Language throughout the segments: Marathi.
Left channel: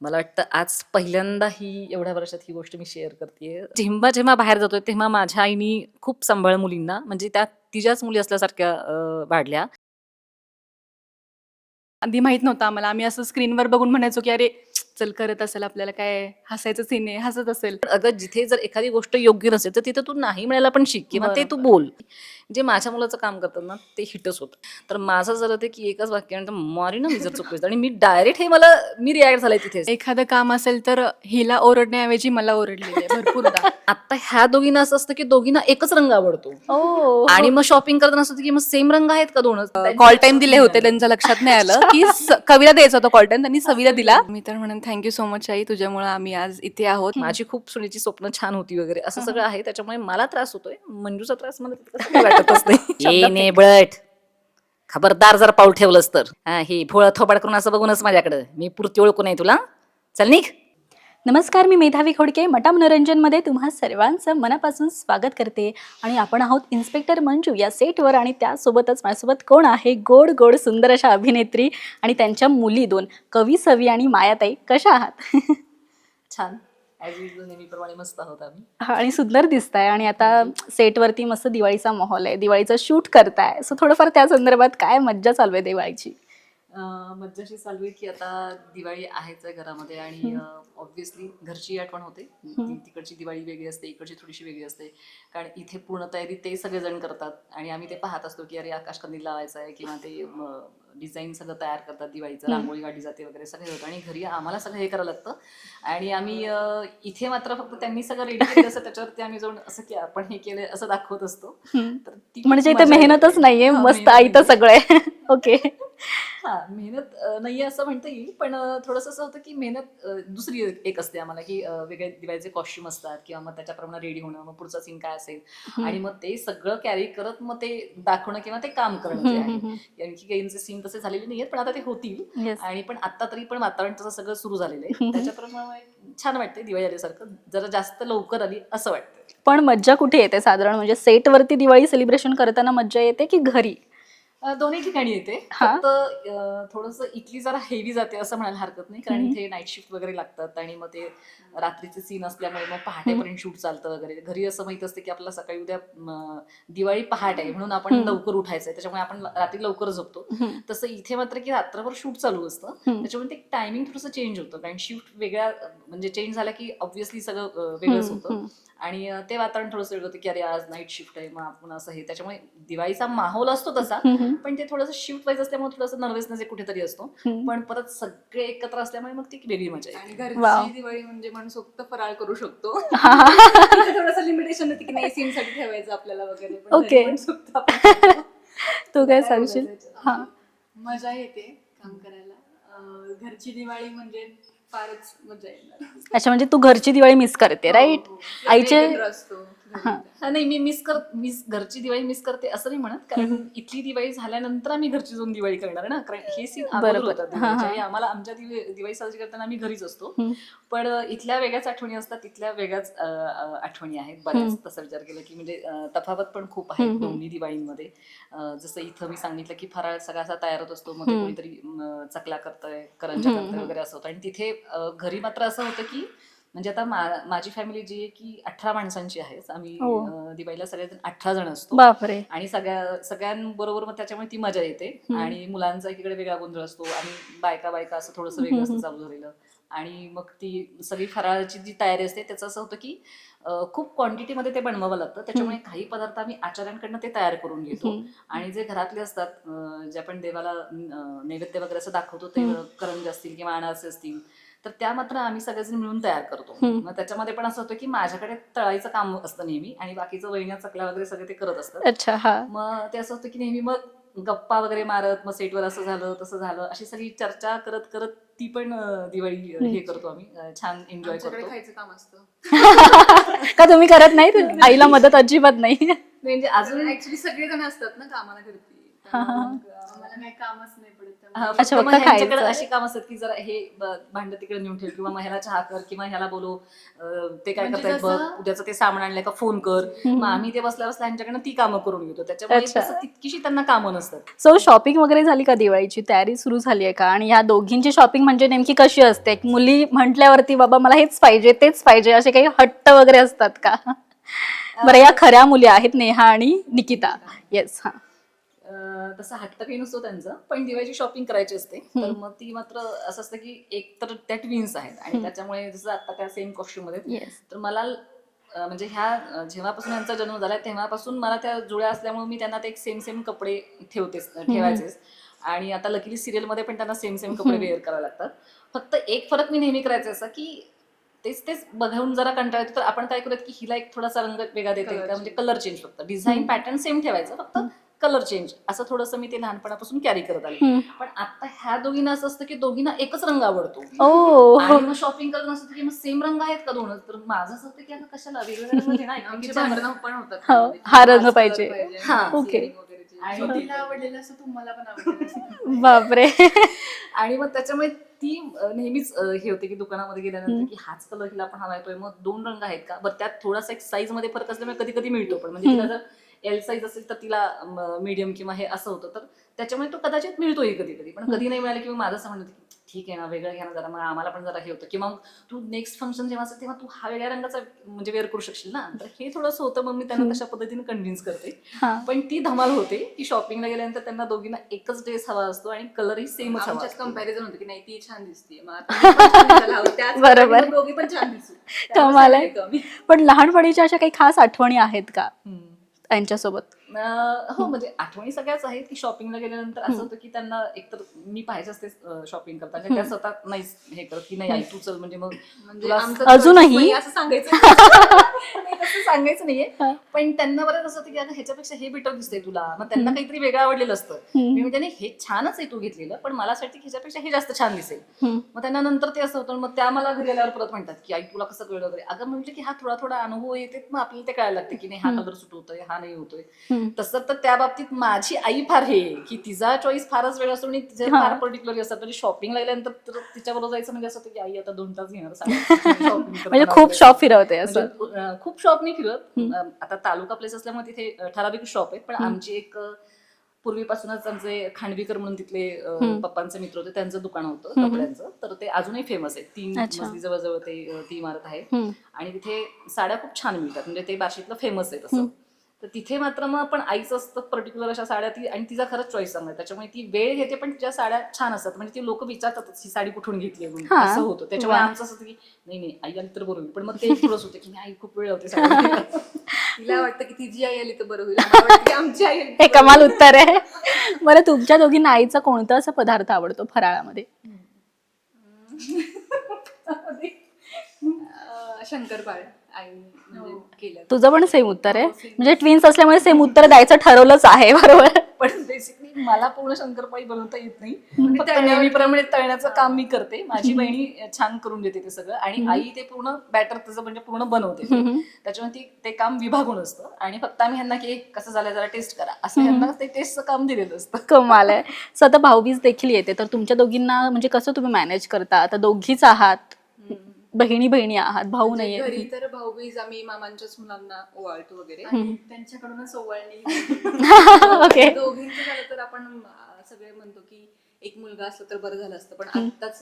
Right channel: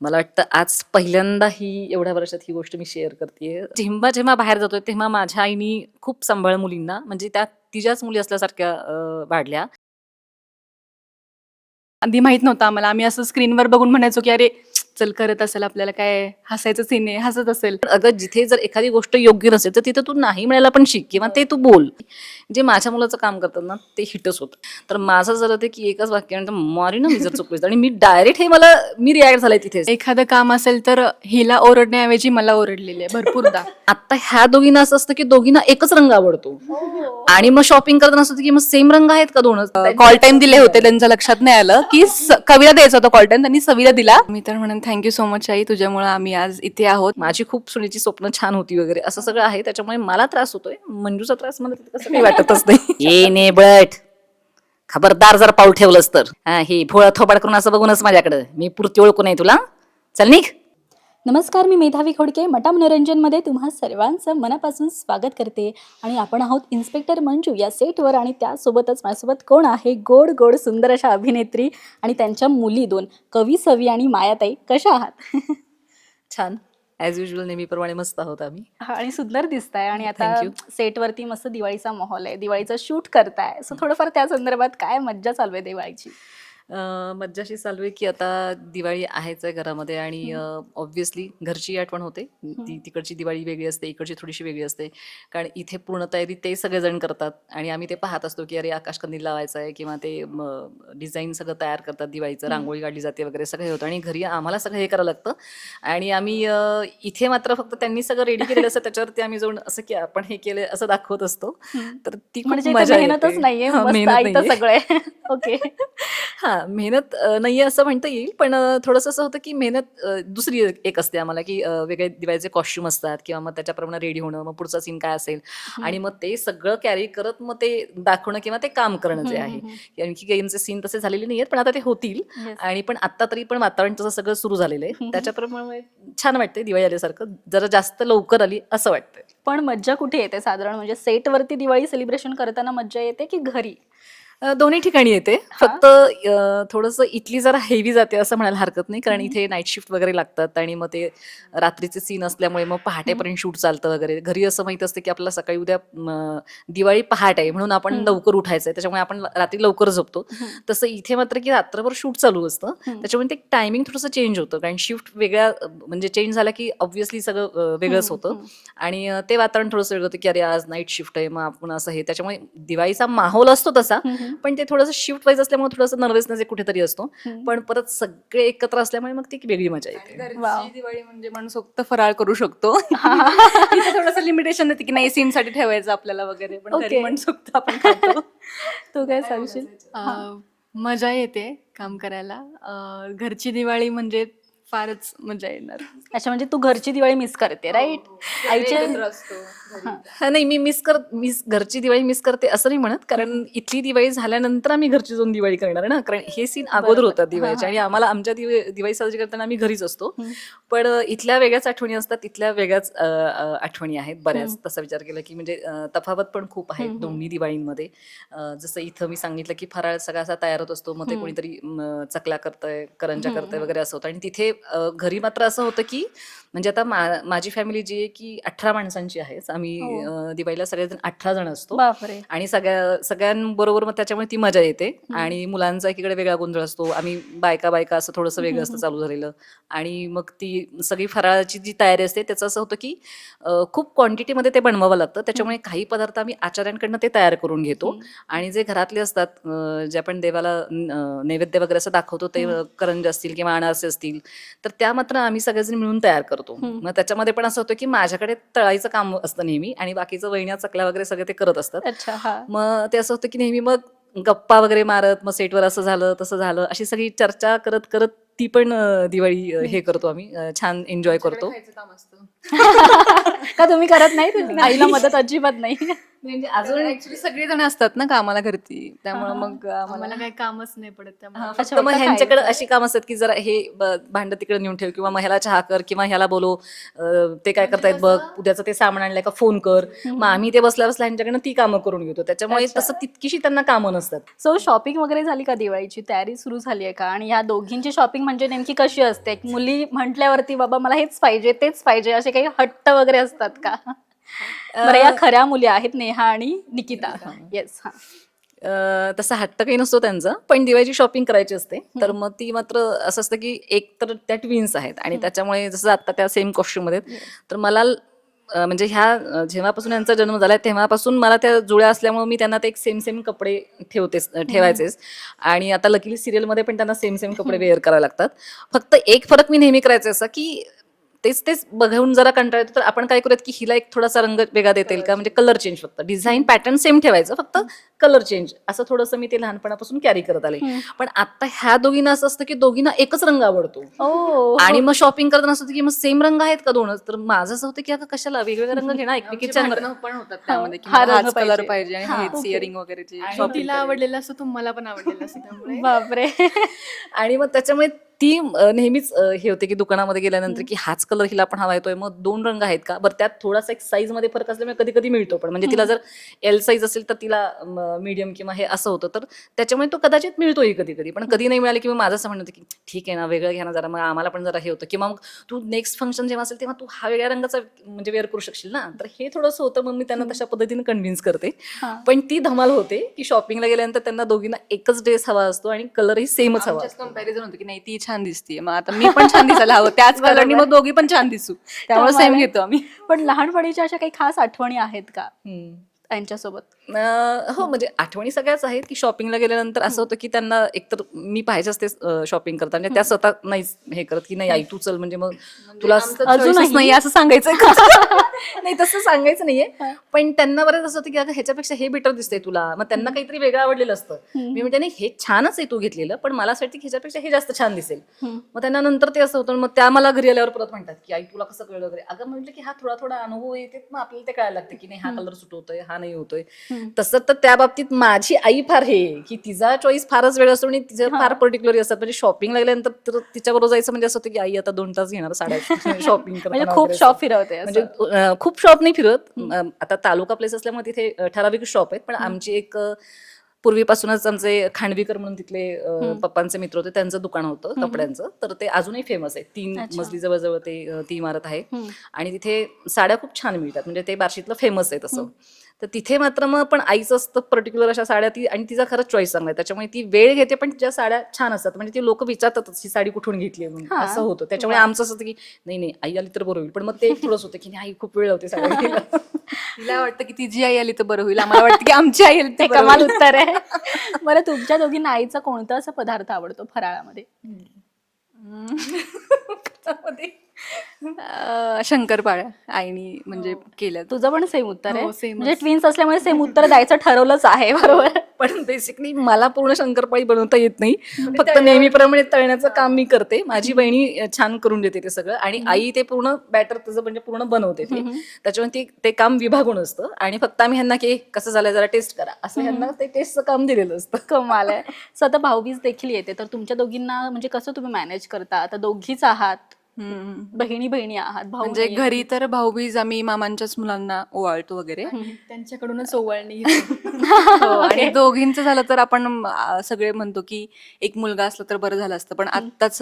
मला वाटतं आज पहिल्यांदा ही एवढ्या वर्षात ही गोष्ट मी शेअर करते जेव्हा जेव्हा बाहेर जातोय तेव्हा माझ्या आईनी खूप सांभाळ मुलींना म्हणजे त्या तिच्याच मुली असल्यासारख्या वाढल्या. आधी माहीत नव्हतं आम्हाला. आम्ही असं स्क्रीनवर बघून म्हणायचो की अरे चल करत असेल आपल्याला काय हसायचं सीन आहे हसत असेल. पण अगं जिथे जर एखादी गोष्ट योग्य नसेल तर तिथे तू नाही म्हणायला पण शिक किंवा ते तू बोल. जे माझ्या मुलाचं काम करतात ना ते हिटच होतं. तर माझं झालं ते की एकच वाक्यानंतर मारी ना मी जर चुकलं आणि मी डायरेक्ट हे मला मी रिॲक्ट झालाय तिथे एखादं काम असेल तर हिला ओरडण्याऐवजी मला ओरडलेली आहे भरपूरदा आता ह्या दोघींना असं असतं की दोघींना एकच रंग आवडतो. आणि मग शॉपिंग करताना असं होतं की मग सेम रंग आहेत का दोन कॉल टाइम दिले होते त्यांच्या लक्षात नाही आलं. की कविला द्यायचा होता कॉल टाइम त्यांनी सविला दिला. मी तर थँक्यू सो मच आई तुझ्यामुळे आम्ही आज इथे आहोत. माझी खूप सुनेची स्वप्न छान होती वगैरे असं सगळं आहे त्याच्यामुळे मला त्रास होतोय. मंजूचा त्रास मला तितकं कसं काही वाटतच नाही. ये ने बट. खबरदार जर पाऊल ठेवलंस तर. हा, हे भोळ थोबाड करून असं बघूनच माझ्याकडे. मी पुरती ओळखू नाही तुला. चल निघ. नमस्कार मी मेधावी खोडके मटा मनोरंजनमध्ये तुम्हा सर्वांचं मनापासून स्वागत करते. आणि आपण आहोत इन्स्पेक्टर मंजू या सेटवर आणि त्यासोबतच माझ्यासोबत कोण आहे? गोड गोड सुंदर अशा अभिनेत्री आणि त्यांच्या मुली दोन कवी सवी आणि मायाताई. कशा आहात? छान. ऍज युजल नेहमीप्रमाणे मस्त आहोत आम्ही. हा, आणि सुंदर दिसताय. आणि आता सेटवरती मस्त दिवाळीचा माहोल आहे. दिवाळीचं शूट करताय. सो थोडंफार त्या संदर्भात काय मज्जा चालू आहे दिवाळीची? अं, मज्जाशी चालू आहे की आता दिवाळी आहेच आहे घरामध्ये आणि ऑब्व्हियसली घरची आठवण होते. ती तिकडची दिवाळी वेगळी असते इकडची थोडीशी वेगळी असते. कारण इथे पूर्ण तयारी ते सगळेजण करतात आणि आम्ही ते पाहत असतो की अरे आकाशकंदील लावायचं आहे किंवा ते डिझाईन सगळं तयार करतात दिवाळीचं रांगोळी काढली जाते वगैरे सगळं हे होतं आणि घरी आम्हाला सगळं हे करावं लागतं. आणि आम्ही अं, इथे मात्र फक्त त्यांनी सगळं रेडी केलं असं त्याच्यावरती आम्ही जाऊन असं की आपण हे केलं असं दाखवत असतो. तर ती खूप म्हणजे इथे मजा मेहनतच. नाहीये मस्त मेहनत आयतं नाहीये. सगळं. आहे ओके. हा मेहनत अ, नाहीये असं म्हणता येईल पण अ, थोडंसं असं होतं की मेहनत अ, दुसरी एक असते आम्हाला की अ, वेगळे दिवाळीचे कॉस्ट्युम असतात किंवा मग त्याच्याप्रमाणे रेडी होणं मग पुढचा सीन काय असेल. आणि मग ते सगळं कॅरी करत मग ते दाखवणं किंवा ते काम करणं जे आहे. आणखी गेमचे सीन तसे झालेले नाहीयेत पण आता ते होतील. आणि पण आता तरी पण वातावरण तसं सगळं सुरू झालेलं आहे. त्याच्याप्रमाणे छान वाटतंय दिवाळी आल्यासारखं. जरा जास्त लवकर आली असं वाटतंय. पण मज्जा कुठे येते साधारण? म्हणजे सेटवरती दिवाळी सेलिब्रेशन करताना मज्जा येते की घरी? अ, दोन्ही ठिकाणी येते. हा. फक्त थोडस इथली जरा हेवी जाते असं म्हणायला हरकत नाही. कारण इथे नाईट शिफ्ट वगैरे लागतात आणि मग ते रात्रीचे सीन असल्यामुळे मग पहाटेपर्यंत शूट चालतं वगैरे. घरी असं माहीत असतं की आपल्याला सकाळी उद्या म, दिवाळी पहाट आहे. म्हणून आपण हम्म. लवकर उठायचंय. त्याच्यामुळे आपण रात्री लवकर झोपतो. तसं इथे मात्र की रात्रभर शूट चालू असतं हम्म. त्याच्यामुळे ते टायमिंग थोडंसं चेंज होतं. कारण शिफ्ट वेगळ्या अ, म्हणजे चेंज झाला की ऑब्व्हियसली सगळं अ, वेगळंच हम्म, होतं. हम्म. आणि अ, ते वातावरण थोडंसं वेगळं होतं की अरे आज नाईट शिफ्ट आहे. मग आपण असं हे. त्याच्यामुळे दिवाळीचा माहोल असतो तसा. हम्म. पण ते थोडंसं शिफ्ट वाईज असल्यामुळे थोडंसं नर्वसनेस कुठेतरी असतो. पण परत सगळे एकत्र असल्यामुळे मग ती वेगळी मजा येते. दिवाळी म्हणजे माणूस फक्त फराळ करू शकतो. थोडस लिमिटेशन होते की नाही सीन साठी ठेवायचं आपल्याला वगैरे आपण. तू काय सांगशील? मजा येते काम करायला. घरची दिवाळी म्हणजे फारच मजा येणार. अच्छा म्हणजे तू घरची दिवाळी मिस करते राईट आईचे एकत्र असतो. घरी. हा, नाही मी मिस कर मिस घरची दिवाळी मिस करते असं नाही म्हणत कारण इथली दिवाळी झाल्यानंतर आम्ही घरची जाऊन दिवाळी करणार ना कारण हे सीन अगोदर बरोबर. होतात दिवाळीचे हा, आणि आम्हाला आमच्या दिवाळी साजरी करताना आम्ही घरीच असतो. पण इथल्या वेगळ्याच आठवणी असतात तिथल्या वेगळ्याच आठवणी आहेत बऱ्याच. तसा विचार केला की म्हणजे तफावत पण खूप आहे. दोन्ही दिवाळींमध्ये जसं इथं मी सांगितलं की फराळ सगळा असा तयार होत असतो मग ते. कोणीतरी म, चकल्या करतंय करंजा करतंय. वगैरे असं होतं आणि तिथे घरी मात्र असं होतं की म्हणजे आता मा- माझी फॅमिली जी आहे की अठरा माणसांची आहे आम्ही हो. अ, दिवाळीला सगळेजण अठरा जण असतो बापरे आणि सगळ्या सगळ्यांबरोबर मग त्याच्यामुळे ती मजा येते. आणि मुलांचा एकीकडे वेगळा गोंधळ असतो आम्ही बायका बायका असं थोडंसं वेगळं असतं. चालू झालेलं आणि मग ती सगळी फराळाची जी तयारी असते त्याचं असं होतं की अ, खूप क्वांटिटीमध्ये ते बनवावं लागतं त्याच्यामुळे काही पदार्थ आम्ही आचार्यांकडनं ते तयार करून घेतो हम्म. आणि जे घरातले असतात अ, जे आपण देवाला नैवेद्य वगैरे असं दाखवतो ते. करंज असतील किंवा अनारसे असतील तर त्या मात्र आम्ही सगळेजण मिळून तयार करतो हम्म. मग त्याच्यामध्ये पण असं होतं की माझ्याकडे तळायचं काम असतं नेहमी आणि बाकीचं वहिन्या चकल्या वगैरे सगळे ते करत असतात. अच्छा हा. मग ते असं होतं की नेहमी मग गप्पा वगैरे मारत मग सेटवर असं झालं तसं झालं अशी सगळी चर्चा करत करत ती पण दिवाळी हे करतो आम्ही छान एन्जॉय करतो. खायचं काम असतं. का तुम्ही करत नाही? आईला मदत अजिबात नाही. म्हणजे अजून ऍक्च्युली सगळेजण असतात ना कामाला घरती. त्यामुळे मग आम्हाला मला काही कामच नाही पडत त्यामुळे. अच्छा, फक्त ह्यांच्याकडे. अशी काम असतात की जरा हे ब- भांडं तिकडे नेऊन ठेव किंवा मग ह्याला चहा कर किंवा ह्याला बोलव अं, ते काय म्हणजे करतायत बघ कसं- उद्याचं ते सामान आणलंय का फोन कर. मग आम्ही ते बसल्या बसल्या ह्यांच्याकडनं ती कामं करून घेतो. त्याच्यामुळे अच्छा. तसं तितकीशी त्यांना कामं नसतात. सो शॉपिंग वगैरे झाली का दिवाळीची? तयारी सुरू झाली आहे का? आणि ह्या दोघींची शॉपिंग म्हणजे नेमकी कशी असते? एक मुली म्हटल्यावरती बाबा मला हेच पाहिजे तेच पाहिजे असे काही हट्ट वगैरे असतात का? बरं या खऱ्या मुली आहेत नेहा आणि निकिता. येस हा. अं, तसा हट्ट काही नसतो त्यांचा पण दिवाळीची शॉपिंग करायची असते. तर मग ती मात्र असं असतं की एक तर त्या ट्विन्स आहेत आणि त्याच्यामुळे जसं आता त्या सेम कॉस्ट्युममध्ये आहेत. तर मला अं, म्हणजे ह्या अं, जेव्हापासून यांचा जन्म झालाय तेव्हापासून मला त्या जुळ्या असल्यामुळे मी त्यांना ते एक सेम सेम कपडे ठेवतेच ठेवायचेच आणि आता लकीली सिरियलमध्ये पण त्यांना सेम सेम कपडे वेअर करावे लागतात. फक्त एक फरक मी नेहमी करायचा असा की तेच तेच बघून जरा कंटाळा येतो. तर आपण काय करूयात की हिला एक थोडासा रंग वेगळा देता येईल. का म्हणजे कलर चेंज फक्त. डिझाईन पॅटर्न सेम ठेवायचं. फक्त कलर चेंज असं थोडंसं मी ते लहानपणापासून कॅरी करत आले. पण आता ह्या दोघींना असं असतं की दोघींना एकच रंग आवडतो. ओ. आणि मग शॉपिंग करताना असं होतं की मग सेम रंग आहेत का दोनच? तर माझं असं होतं की आता कशाला वेगवेगळे रंग घेणार एकमेकीच्या पण होतात हो, हा रंग पाहिजे. हा, वगैरे तिला. आवडलेलं असं तुम्हाला पण आवडलेलं. बापरे. आणि मग त्याच्यामुळे ती अं, नेहमीच अं, हे होते की दुकानामध्ये गेल्यानंतर की हाच कलर हिला पण हवा येतोय मग दोन रंग आहेत का? बरं त्यात थोडासा एक साईजमध्ये फरक असल्यामुळे कधी कधी मिळतो पण. म्हणजे तिला जर एल साईज असेल तर तिला मीडियम किंवा हे असं होतं. तर त्याच्यामुळे तो कदाचित मिळतोही कधी कधी. पण कधी नाही मिळाले की मग माझं असं म्हणत होतं की ठीक आहे ना वेगळं घ्या ना जरा मग आम्हाला पण जरा हे होतं. किंवा मग तू नेक्स्ट फंक्शन जेव्हा असेल तेव्हा तू हा वेगळ्या रंगाचा म्हणजे वेअर करू शकशील ना. तर हे थोडंसं होतं मग मी त्यांना तशा पद्धतीने कन्व्हिन्स करते. हा. पण ती धमाल होते की शॉपिंगला गेल्यानंतर त्यांना दोघींना एकच ड्रेस हवा असतो आणि कलरही सेमच हवा आमच्यात असतो. कंपॅरिझन होतं की नाही ती छान दिसतीये मग आता मी पण छान दिसायला हवं त्याच बरोबर. दोघी पण छान दिसू त्यामुळे same आहे. घेतो आम्ही पण लहानपणीच्या अशा काही खास आठवणी आहेत का हम्म. त्यांच्यासोबत. अं, हो म्हणजे आठवणी सगळ्याच आहेत की शॉपिंगला गेल्यानंतर असं होतं की त्यांना एकतर मी पाहिजे असते शॉपिंग करताना. त्या स्वतः नाही हे करत की नाही आई तू चल म्हणजे मग तुला आमचं अजूनही? choices नाही असं सांगायचं. नाही तसं सांगायचं नाहीये. पण त्यांना बरंच असं होतं की अगं ह्याच्यापेक्षा हे बेटर दिसतंय तुला. मग त्यांना काहीतरी वेगळं आवडलेलं असतं. मी म्हणजे नाही हे छानच आहे तू घेतलेलं पण मला असं वाटतं की ह्याच्यापेक्षा हे जास्त छान दिसेल. मग त्यांना नंतर ते असं होतं मग त्या मला घरी आल्यावर परत म्हणतात की आई तुला कसं कळलं वगैरे? अगं म्हटलं की हा थोडा थोडा अनुभव येते मग आपल्याला ते कळायला लागते की नाही हा कलर सुट होतोय हा नाही होतोय. तसं तर त्या बाबतीत माझी आई फार हे की तिचा चॉईस फारच वेळ असतो आणि तिचे फार पर्टिक्युलर असतात म्हणजे शॉपिंग लागल्यानंतर तर तिच्याबरोबर जायचं म्हणजे असं होतं की आई आता दोन तास घेणार साड्या शॉपिंग म्हणजे खूप शॉप फिरवते म्हणजे खूप शॉप नाही फिरत आता तालुका प्लेस असल्यामुळे तिथे ठराविक शॉप आहेत. पण आमची एक पूर्वीपासूनच आमचे खांडवीकर म्हणून तिथले पप्पांचे मित्र होते. त्यांचं दुकान होतं कपड्यांचं. तर ते अजूनही फेमस आहे तीन. मजली जवळजवळ ते ती इमारत आहे. आणि तिथे साड्या खूप छान मिळतात. म्हणजे ते बार्शीतलं फेमस आहे तसं. तर तिथे मात्र मग पण आईचं असतं पर्टिक्युलर अशा साड्या ती आणि तिचा खरंच चॉईस चांगला आहे. त्याच्यामुळे ती वेळ घेते पण तिच्या साड्या छान असतात. म्हणजे ती लोक विचारतातच ही साडी कुठून घेतली आहे? म्हणून. असं होतं. त्याच्यामुळे. आमचं असं होतं की नाही नाही आई आली तर बरोबर होईल. पण मग ते एक थोडंच होतं की नाही आई खूप वेळ होते साड्या तिला वाटतं की तिची आई आली तर बरं होईल. वाटतं की आमची आई आली ते बरं कमाल उत्तर आहे. बरं तुमच्या दोघींना आईचा कोणता असा पदार्थ आवडतो फराळामध्ये. अं, शंकरपाळ्या आईनी म्हणजे केल्या तुझं पण सेम उत्तर आहे. हो, same म्हणजे ट्विन्स असल्यामुळे सेम उत्तर द्यायचं ठरवलंच आहे बरोबर? पण बेसिकली मला पूर्ण शंकरपाळी बनवता येत नाही. फक्त नेहमीप्रमाणे तळण्याचं काम मी करते. माझी बहिणी छान करून देते ते सगळं. आणि आई ते पूर्ण बॅटर त्याचं म्हणजे पूर्ण बनवते ते. त्याच्यामुळे ती ते काम विभागून असतं. आणि फक्त आम्ही ह्यांना की कसं झालंय जरा टेस्ट करा. असं ह्यांना ते टेस्टचं काम दिलेलं असतं. कमाल आहे. सो आता भाऊबीज देखील येते. तर तुमच्या दोघींना म्हणजे कसं तुम्ही मॅनेज करता? आता दोघीच आहात. हम्म. बहिणी बहिणी आहात भाऊ म्हणजे नाहीये. घरी तर भाऊबीज आम्ही मामांच्याच मुलांना ओवाळतो वगैरे. त्यांच्याकडूनच ओवाळणी. ओके आणि दोघींचं झालं तर आपण सगळे म्हणतो की एक मुलगा असला तर बरं झालं असतं. पण आत्ताच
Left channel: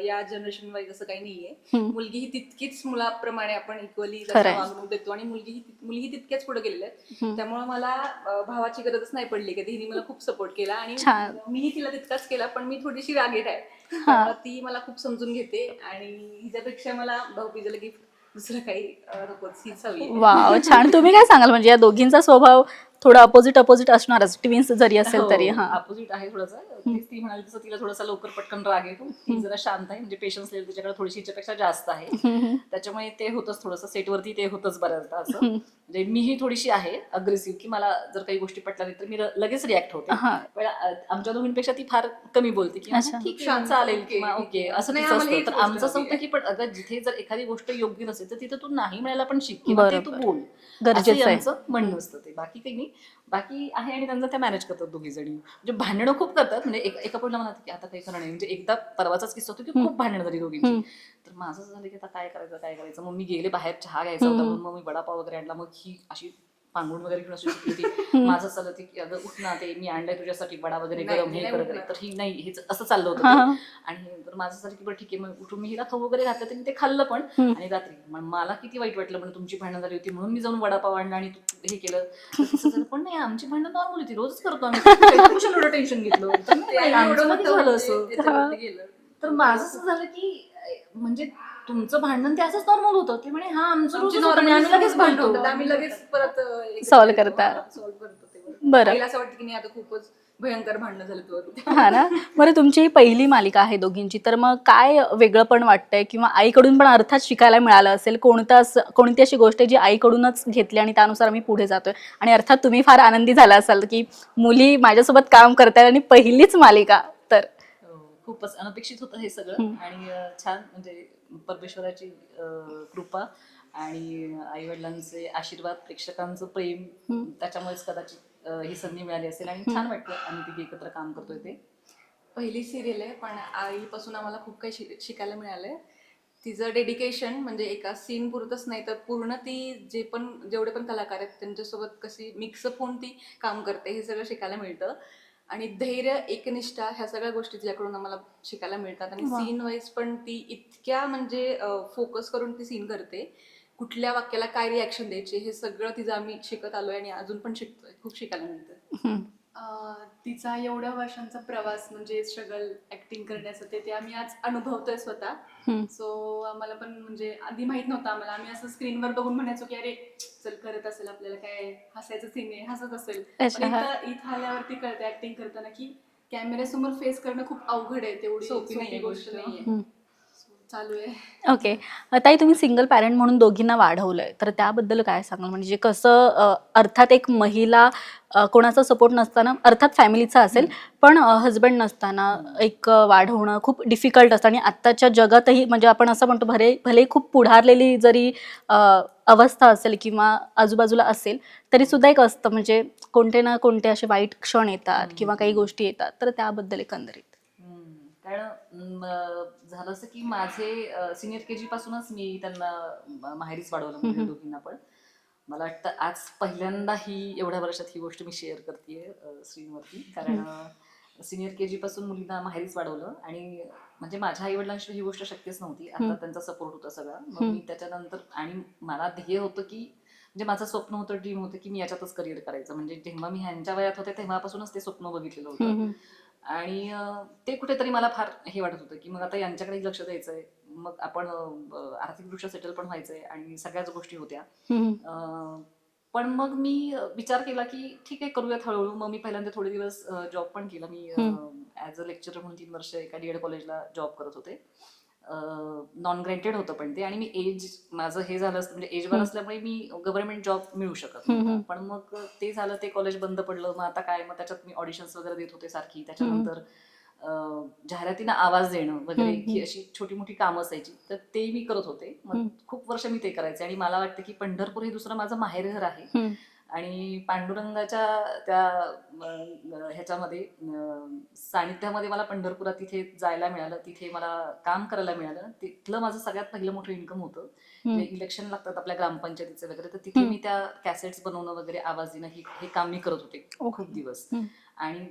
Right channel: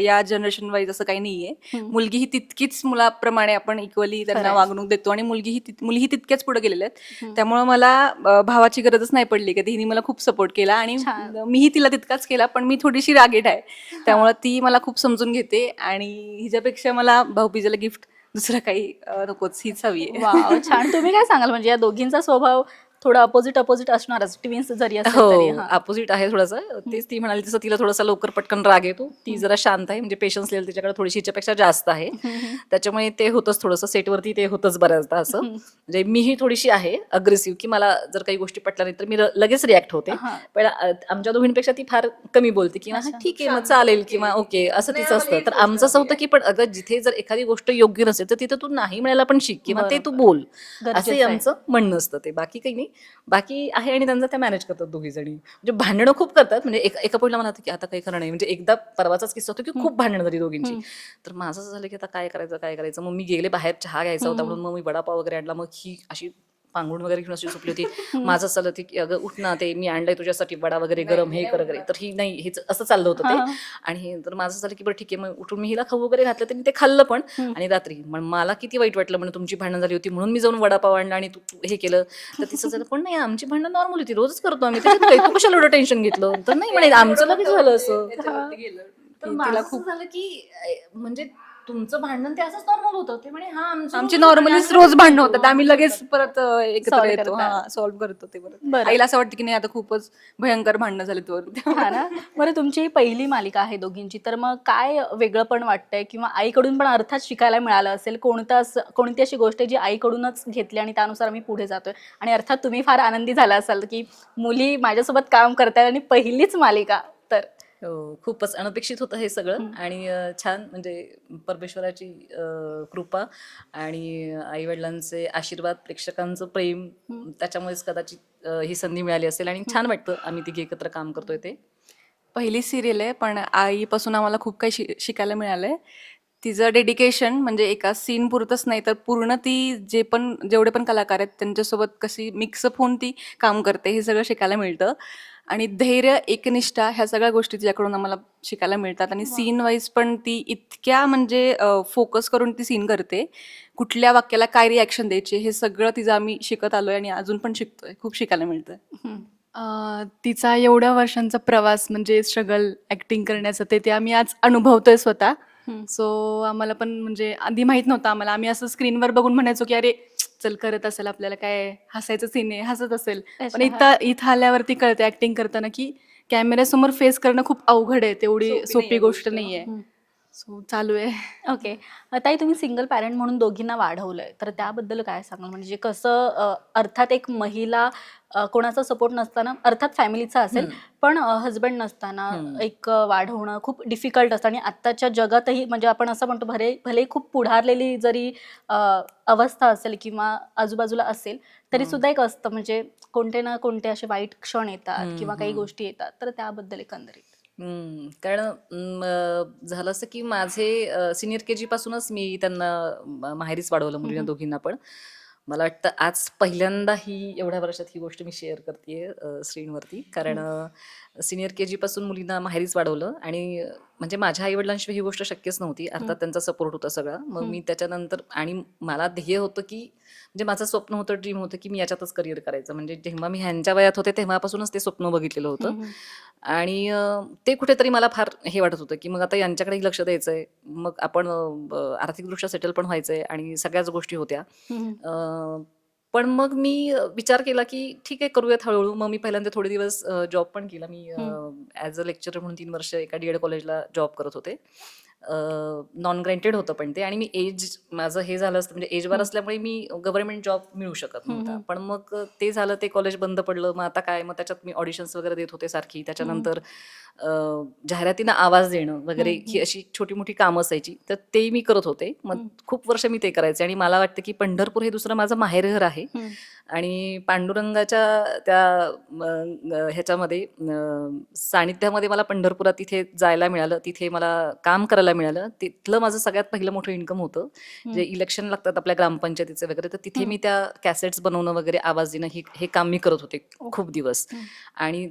या जनरेशन वाईज असं काही नाहीये. मुलगी ही तितकीच मुलाप्रमाणे आपण इक्वली त्यांना खरंय. वागणूक देतो आणि मुलगी ही तित- मुली ही तितक्याच पुढे गेलेल्या आहेत. त्यामुळे मला अं, भावाची गरजच नाही पडली कधी हिने मला खूप सपोर्ट केला आणि छान. मीही तिला तितकाच केला पण मी थोडीशी रागेट आहे. त्यामुळे ती मला खूप समजून घेते आणि हिच्यापेक्षा मला भाऊबीजेला गिफ्ट दुसरं काही अं, नकोच. हीच हवी आहे. वाव छान. तुम्ही काय सांगाल? म्हणजे या दोघींचा स्वभाव थोडं अपोजिट अपोजिट असणारच. ट्विन्स जरी असेल तरी हा. अपोजिट आहे थोडंसं. तेच ती म्हणाली तसं तिला थोडासा लवकर पटकन राग येतो. ती जरा शांत आहे म्हणजे पेशन्स लेवल तिच्याकडे थोडीशी हिच्यापेक्षा जास्त आहे. त्याच्यामुळे ते होतच थोडंसं. सेटवरती ते होतच बऱ्याचदा असं. म्हणजे मीही थोडीशी आहे अग्रेसिव्ह की मला जर काही गोष्टी पटल्या नाही तर मी लगेच रिॲक्ट होते. हा. पण आमच्या दोघींपेक्षा ती फार कमी बोलते की अच्छा. हा, ठीक आहे चालेल किंवा ओके असं नाही, तिचं असतं. तर आमचं असं होतं की पण अगं जिथे जर एखादी गोष्ट योग्य नसेल तर तिथे तू नाही म्हणायला पण शिक किंवा ते तू. बोल. गरजेचं असंही आहे. आमचं म्हणणं असतं ते. बाकी काही नाही. बाकी आहे आणि त्यांचं त्या मॅनेज करतात दोघी जणी. म्हणजे भांडणं खूप करतात. म्हणजे एका पॉईंटला मला की आता काही खरं नाही. म्हणजे एकदा परवाचाच किस्सा होतो की खूप भांडणं झाली दोघींची. तर माझं असं झालं की आता काय करायचं काय करायचं? मग मी गेले बाहेर चहा घ्यायचा होता म्हणून मग मी वडापाव वगैरे आणला. मग ही अशी पांघरुण वगैरे घेऊन अशी झोपली होती. माझं चाललं की अगं उठ ना ते मी आणलंय तुझ्यासाठी वडा वगैरे गरम हे कर वगैरे. तर ही नाही हेच असं चाललं होतं ते. आणि हे तर माझं झालं की बरं ठीक आहे मग उठून मी हिला खाऊ वगैरे घातलं तर ते खाल्लं पण. आणि रात्री मग मला किती वाईट वाटलं म्हणजे तुमची भांडणं झाली होती म्हणून मी जाऊन वडापाव आणला आणि तू हे केलं. तर तिचं झालं पण नाही आमची भांडणं नॉर्मल होती रोजच करतो आम्ही. तू कशाला एवढं टेन्शन घेतलं? तर नाही म्हणे आमचं झालं असं. तर माझं असं झालं की म्हणजे तुमचं भांडण ते असंच नॉर्मल होतं. ते म्हणे हा आमचं आमची रोजच नॉर्मली भांडण, आम्ही रोज भांडण भांडतो. होतात. आम्ही लगेच परत Solve करता. सॉल्व्ह करतो ते बरं. बरं. आईला असं वाटतं की नाही आता खूपच भयंकर भांडणं झाली तर हा ना? बरं तुमची ही पहिली मालिका आहे दोघींची तर मग काय वेगळं पण वाटतंय किंवा आईकडून पण अर्थात शिकायला मिळालं असेल? कोणतं असं कोणती अशी गोष्ट आहे जी आईकडूनच घेतली आणि त्यानुसार आम्ही पुढे जातोय? आणि अर्थात तुम्ही फार आनंदी झाला असाल की मुली माझ्यासोबत काम करतायत आणि पहिलीच मालिका तर? हो, खूपच अनपेक्षित होतं हे सगळं. आणि अ, छान म्हणजे परमेश्वराची अ, कृपा आणि आई वडिलांचे आशीर्वाद प्रेक्षकांचं प्रेम त्याच्यामुळेच कदाचित अ, ही संधी मिळाली असेल आणि छान वाटतं आम्ही तिघे एकत्र काम करतोय ते. पहिली सिरियल आहे पण आईपासून आम्हाला खूप काही शि शिकायला मिळालंय. तिचं डेडिकेशन म्हणजे एका सीन पुरतच नाही तर पूर्ण ती जे पण जेवढे पण कलाकार आहेत त्यांच्यासोबत कशी मिक्सअप होऊन ती काम करते हे सगळं शिकायला मिळतं. आणि धैर्य एकनिष्ठा ह्या सगळ्या गोष्टी तिच्याकडून आम्हाला शिकायला मिळतात. आणि सीन वाईज पण ती इतक्या म्हणजे फोकस करून ती सीन करते. कुठल्या वाक्याला काय रिॲक्शन द्यायचे हे सगळं तिचं आम्ही शिकत आलोय आणि अजून पण शिकतोय. खूप शिकायला मिळतं. तिचा एवढ्या वर्षांचा प्रवास म्हणजे स्ट्रगल ऍक्टिंग करण्याचं ते ते आम्ही आज अनुभवतोय स्वतः. सो आम्हाला पण म्हणजे आधी माहीत नव्हतं आम्हाला. आम्ही असं स्क्रीनवर बघून म्हणायचो की अरे चल करत असेल आपल्याला काय हसायचं सीन आहे हसत असेल. पण इथं इथं आल्यावरती कळते ऍक्टिंग करताना की कॅमेऱ्यासमोर फेस करणं खूप अवघड आहे तेवढी सोपी गोष्ट नाहीये. सो चालू आहे. ओके. ताई तुम्ही सिंगल पॅरेंट म्हणून दोघींना वाढवलंय. तर त्याबद्दल काय सांगाल? म्हणजे कसं अ, अर्थात एक महिला अ, कोणाचा सपोर्ट नसताना अर्थात फॅमिलीचा असेल पण हजबंड नसताना एक अ, वाढवणं खूप डिफिकल्ट असतं. आणि आत्ताच्या जगातही म्हणजे आपण असं म्हणतो भले भले खूप पुढारलेली जरी अ, अवस्था असेल किंवा आजूबाजूला असेल तरी सुद्धा एक असतं. म्हणजे कोणते ना कोणते असे वाईट क्षण येतात किंवा काही गोष्टी येतात. तर त्याबद्दल एकंदरीत. हम्म, कारण म, झालं असं की माझे सिनियर के जी पासूनच मी त्यांना म- माहेरीच वाढवलं मुलींना दोघींना पण. मला वाटतं आज पहिल्यांदा ही एवढ्या वर्षात ही गोष्ट मी शेअर करते स्क्रीनवरती कारण सिनियर के जी पासून मुलींना माहेरीच वाढवलं आणि म्हणजे माझ्या आई वडिलांशिवाय ही गोष्ट शक्यच नव्हती. अर्थात त्यांचा सपोर्ट होता सगळा. मग मी त्याच्यानंतर आणि मला ध्येय होतं की म्हणजे माझं स्वप्न होतं ड्रीम होतं की मी याच्यातच करिअर करायचं. म्हणजे जेव्हा मी ह्यांच्या वयात होते तेव्हापासूनच ते स्वप्न बघितलेलं होतं. आणि ते कुठेतरी मला फार हे वाटत होतं की मग आता यांच्याकडे लक्ष द्यायचंय. मग आपण आर्थिकदृष्ट्या सेटल पण व्हायचंय आणि सगळ्याच गोष्टी होत्या. पण मग मी विचार केला की ठीक आहे करूयात हळूहळू. मग मी पहिल्यांदा थोडे दिवस जॉब पण केला. मी ॲज अ लेक्चरर म्हणून तीन वर्ष एका डी एड कॉलेजला जॉब करत होते. नॉन ग्रँटेड होतं पण ते. आणि मी एज माझं हे झालं असतं म्हणजे एजवर असल्यामुळे मी गव्हर्नमेंट जॉब मिळू शकत नव्हता. पण मग ते झालं ते कॉलेज बंद पडलं. मग आता काय मग त्याच्यात मी ऑडिशन्स वगैरे देत होते सारखी. त्याच्यानंतर जाहिरातींना आवाज देणं वगैरे ही अशी छोटी मोठी कामं असायची. तर ते मी करत होते. मग खूप वर्ष मी ते करायचे. आणि मला वाटतं की पंढरपूर हे दुसरं माझं माहेरघर आहे. आणि पांडुरंगाच्या त्या ह्याच्यामध्ये सानिध्यामध्ये मला पंढरपुरात तिथे जायला मिळालं तिथे मला काम करायला मिळालं. तिथलं माझं सगळ्यात पहिलं मोठं इन्कम होतं. जे इलेक्शन लागतात आपल्या ग्रामपंचायतीचे वगैरे तर तिथे मी त्या कॅसेट्स बनवणं वगैरे आवाज देणं हे हे काम मी करत होते खूप दिवस. आणि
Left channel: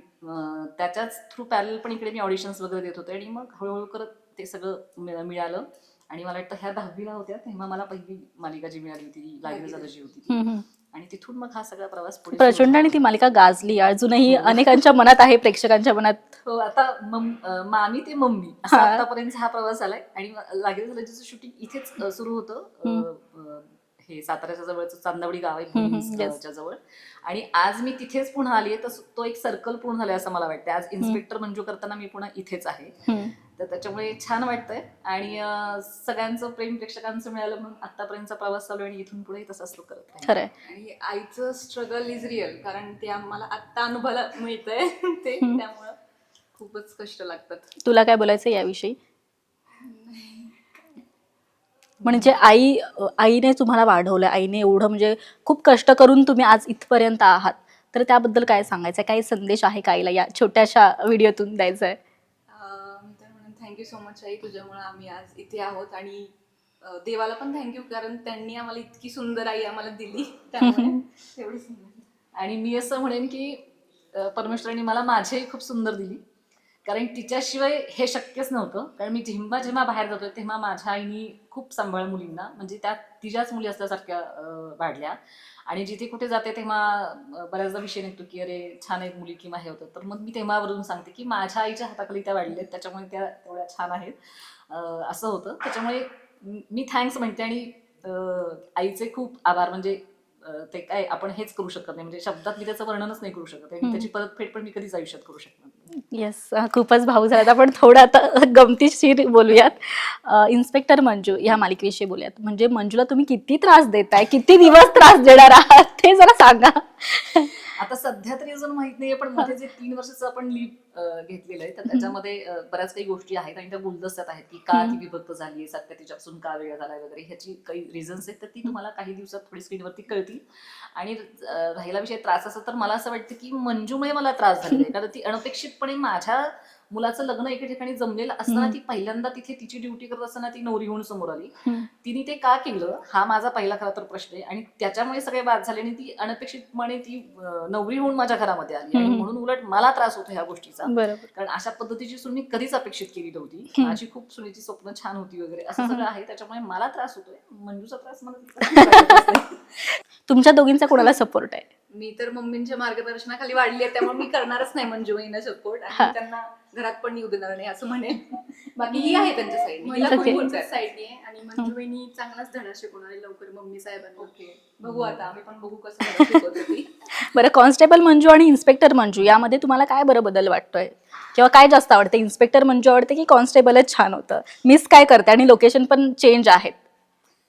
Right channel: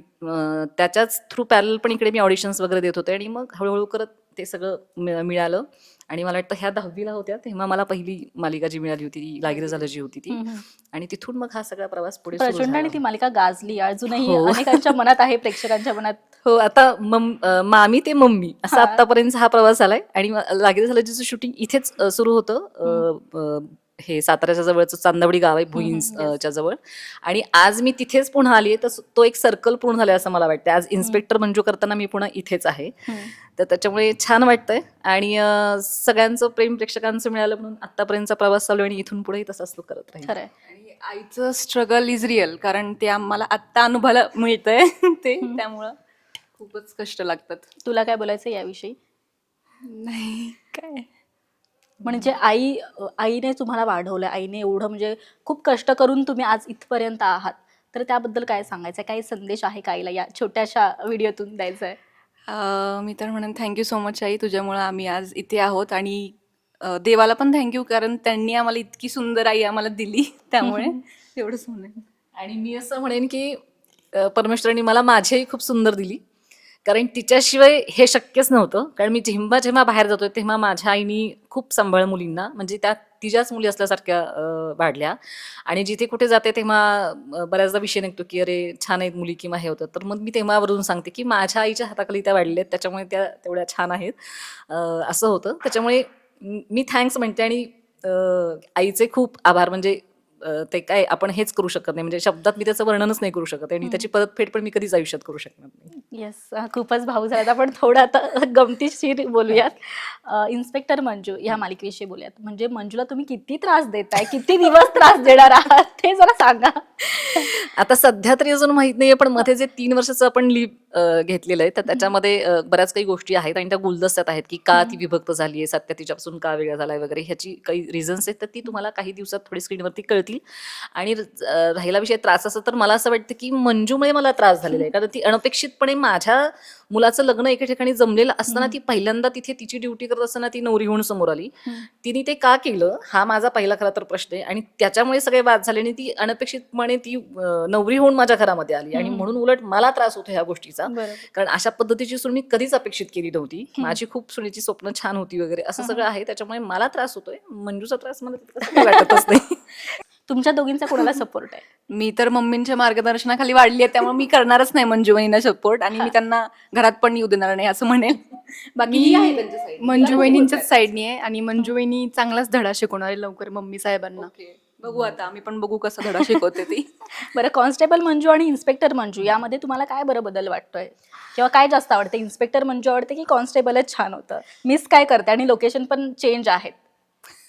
त्याच्याच थ्रू पॅरल पण इकडे मी ऑडिशन्स वगैरे देत होते आणि मग हळूहळू करत ते सगळं मिळ- मिळालं. आणि मला वाटतं ह्या दहावीला होत्या तेव्हा मला पहिली मालिका जी मिळाली होती ती लागिरे झालं जी होती ती. आणि तिथून मग हा सगळा प्रवास पुढे प्रचंड आणि. ती मालिका गाजली अजूनही हो. अनेकांच्या मनात आहे प्रेक्षकांच्या मनात हो आता मम ते मम्मी असा. आतापर्यंत हा प्रवास झालाय आणि लागिरे झालं जिचं शूटिंग इथेच सुरू होतं हे साताऱ्याच्या जवळचं चांदवडी गाव आहे हम्म, भुईंस yes. अ, च्या जवळ. आणि आज मी तिथेच पुन्हा आली तर तो एक सर्कल पूर्ण झालाय असं मला वाटतं आज इन्स्पेक्टर मंजू करताना मी पुन्हा इथेच आहे. तर त्याच्यामुळे छान वाटतंय. आणि सगळ्यांचं प्रेम प्रेक्षकांचं मिळालं म्हणून आतापर्यंतचा प्रवास चालू आहे आणि इथून पुढेही तसाच तो करत आणि आईचं स्ट्रगल इज रिअल कारण ते आम्हाला आत्ता अनुभवायला मिळतंय ते. त्यामुळं खूपच कष्ट लागतात. तुला काय बोलायचं याविषयी? नाही. काय? म्हणजे आई आईने तुम्हाला वाढवलं आईने एवढं म्हणजे खूप कष्ट करून तुम्ही आज इथपर्यंत आहात. तर त्याबद्दल काय सांगायचं काही संदेश आहे का आईला या छोट्याशा व्हिडिओतून द्यायचा आहे मी तर म्हणेन थँक्यू सो मच आई तुझ्यामुळं आम्ही आज इथे आहोत आणि देवाला पण थँक्यू कारण त्यांनी आम्हाला इतकी सुंदर आई आम्हाला दिली त्यामुळे एवढंच म्हणेन. आणि मी असं म्हणेन की परमेश्वरांनी मला माझी आई खूप सुंदर दिली. कारण तिच्याशिवाय हे शक्यच नव्हतं. कारण मी जेव्हा जेव्हा बाहेर जातोय तेव्हा माझ्या आईनी खूप सांभाळ मुलींना म्हणजे त्या तिच्याच मुली असल्यासारख्या वाढल्या. आणि जिथे कुठे जाते तेव्हा बऱ्याचदा विषय निघतो की अरे छान आहेत मुली किंवा हे होतं. तर मग मी तेव्हावरून सांगते की माझ्या आईच्या हाताखाली त्या वाढल्या आहेत त्याच्यामुळे त्या तेवढ्या छान आहेत. असं होतं. त्याच्यामुळे मी थँक्स म्हणते आणि आईचे खूप आभार. म्हणजे ते काय आपण हेच करू शकत नाही. म्हणजे शब्दात मी त्याचं वर्णनच नाही करू शकत आणि. त्याची परतफेड पण मी कधीच आयुष्यात करू शकणार नाही. येस खूपच भाऊ झाला आपण थोडं आता गमतीशीर बोलूयात. इन्स्पेक्टर मंजू ह्या मालिकेविषयी बोलूयात. म्हणजे मंजूला तुम्ही किती त्रास देताय किती दिवस त्रास देणार आहात ते जरा सांगा. आता सध्या तरी अजून माहीत नाहीये पण मध्ये जे तीन वर्षाचं आपण लिव्ह घेतलेलं आहे तर त्याच्यामध्ये बऱ्याच काही गोष्टी आहेत आणि त्या गुलदस्त्यात आहेत की का ती. विभक्त झाली आहे सत्य तिच्यापासून का वेगळा झालाय वगैरे ह्याची काही रिझन्स आहेत तर ती तुम्हाला काही दिवसात थोडी स्क्रीनवरती कळतील. आणि राहिला विषय त्रास असं तर मला असं वाटतं की मंजूमुळे मला त्रास झालेला आहे. कारण ती अनपेक्षितपणे माझ्या मुलाचं लग्न एका ठिकाणी जमलेलं असताना. ती पहिल्यांदा तिथे तिची ड्युटी करत असताना ती नवरी होऊन समोर आली. तिने ते का केलं? हा माझा पहिला खरा तर प्रश्न आहे आणि त्याच्यामुळे सगळे बाद झाले आणि ती अनपेक्षितपणे ती नवरी होऊन माझ्या घरामध्ये आली. आणि. म्हणून उलट मला त्रास होतो ह्या गोष्टीचा. कारण अशा पद्धतीची सून मी कधीच अपेक्षित केली नव्हती. माझी खूप सुनेची स्वप्न छान होती वगैरे असं. सगळं आहे. त्याच्यामुळे मला त्रास होतोय. मंजूचा त्रास मला तुमच्या दोघींचा कोणाला सपोर्ट आहे? मी तर मम्मींच्या मार्गदर्शनाखाली वाढली आहे त्यामुळे मी करणारच नाही मंजू सपोर्ट आणि मी त्यांना घरात पण येऊ देणार नाही असं म्हणेल. बाकी ही आहे त्यांच्या side. मंजू तिला वहिनींच्याच support साईडनी आहे आणि मंजू वहिनी चांगलाच धडा शिकवणार आहे लवकर मम्मी साहेबांना. Okay. बघू आता आम्ही पण बघू कसं धडा शिकवते ती. बरं कॉन्स्टेबल मंजू आणि इन्स्पेक्टर मंजू यामध्ये तुम्हाला काय बरं बदल वाटतोय? किंवा काय जास्त आवडते? इन्स्पेक्टर मंजू आवडते की कॉन्स्टेबलच छान होतं? मिस काय करते आणि लोकेशन पण चेंज आहेत.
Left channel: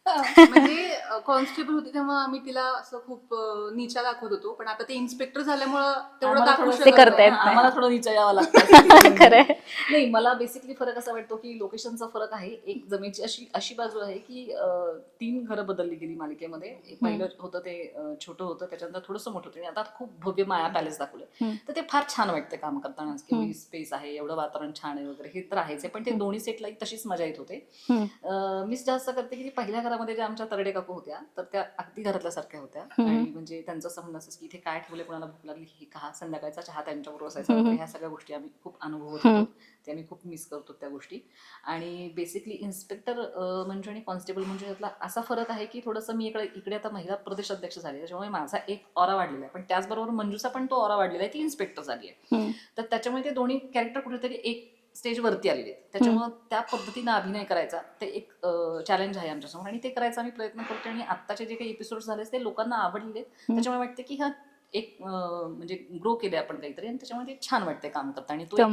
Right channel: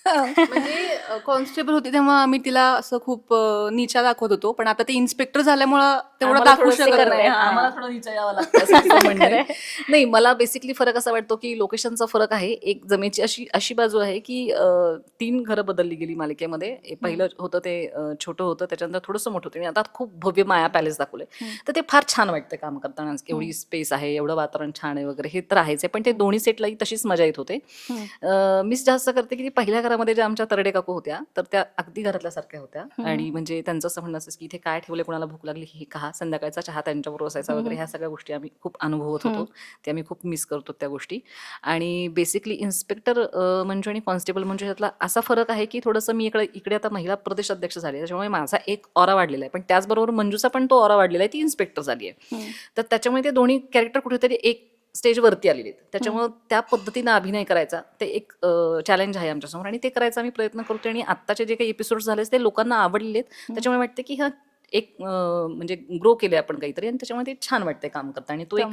म्हणजे कॉन्स्टेबल होती तेव्हा आम्ही तिला असं खूप अं, नीचा दाखवत होतो पण आता ती इन्स्पेक्टर झाल्यामुळं तेवढं आम्हाला दाखवू शकत करता नाही. येत नाही. आम्हाला थोडं नीचा यावं लागतं. खरंय. नाही मला बेसिकली फरक असा वाटतो की लोकेशनचा फरक आहे एक जमेची अशी अशी बाजू आहे की अं, तीन घरं बदलली गेली मालिकेमध्ये पहिलं होतं ते अं, छोटं होतं त्याच्यानंतर थोडंसं मोठं होतं आणि आता खूप भव्य माया पॅलेस दाखवलंय हम्म. तर ते फार छान वाटतं काम करताना एवढी हम्म. स्पेस आहे एवढं वातावरण छान आहे वगैरे हे तर आहेच आहे पण ते दोन्ही सेटलाही तशीच मजा येत होते हम्म. मीच जास्त करते की ती पहिल्या घरामध्ये ज्या आमच्या तरडे काकू होत्या तर त्या अगदी घरातल्या सारख्या होत्या. आणि म्हणजे त्यांचं असं म्हणणं असायचं की इथे काय ठेवलं कोणाला भूक लागली हे का संध्याकाळचा चहा त्यांच्याबरोबर असायचा. वगैरे ह्या सगळ्या गोष्टी आम्ही खूप अनुभवत. होतो ते आम्ही खूप मिस करतो त्या गोष्टी आणि बेसिकली इन्स्पेक्टर म्हणजे आणि कॉन्स्टेबल म्हणजे ह्यातला असा फरक आहे की थोडंसं मी इकडे इकडे आता महिला प्रदेश अध्यक्ष झाले त्याच्यामुळे माझा एक ऑरा वाढलेला आहे पण त्याचबरोबर मंजूचा पण तो ऑरा वाढलेला आहे ती इन्स्पेक्टर झाली आहे. तर त्याच्यामुळे ते दोन्ही कॅरेक्टर कुठेतरी एक स्टेज वरती आलेले आहेत. त्याच्यामुळे त्या पद्धतीनं अभिनय करायचा ते एक चॅलेंज आहे आमच्यासमोर. आणि ते करायचा आम्ही प्रयत्न करतो आणि आत्ताचे जे काही एपिसोड झाले ते लोकांना आवडलेले आहेत. त्याच्यामुळे वाटते की हा एक म्हणजे ग्रो केले आपण काहीतरी आणि त्याच्यामुळे ते छान वाटते काम करता आणि तो एक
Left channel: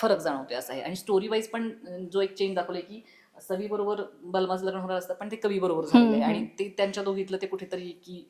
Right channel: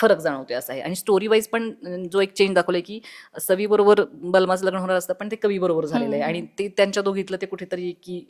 फरक जाणवतोय असा आहे. आणि स्टोरी वाईज पण जो एक चेंज दाखवलाय की सवी बरोबर बलमाचं लग्न होणार असतं पण ते कवी बरोबर झालेलं आहे. आणि ते त्यांच्या दोघीतलं ते कुठेतरी की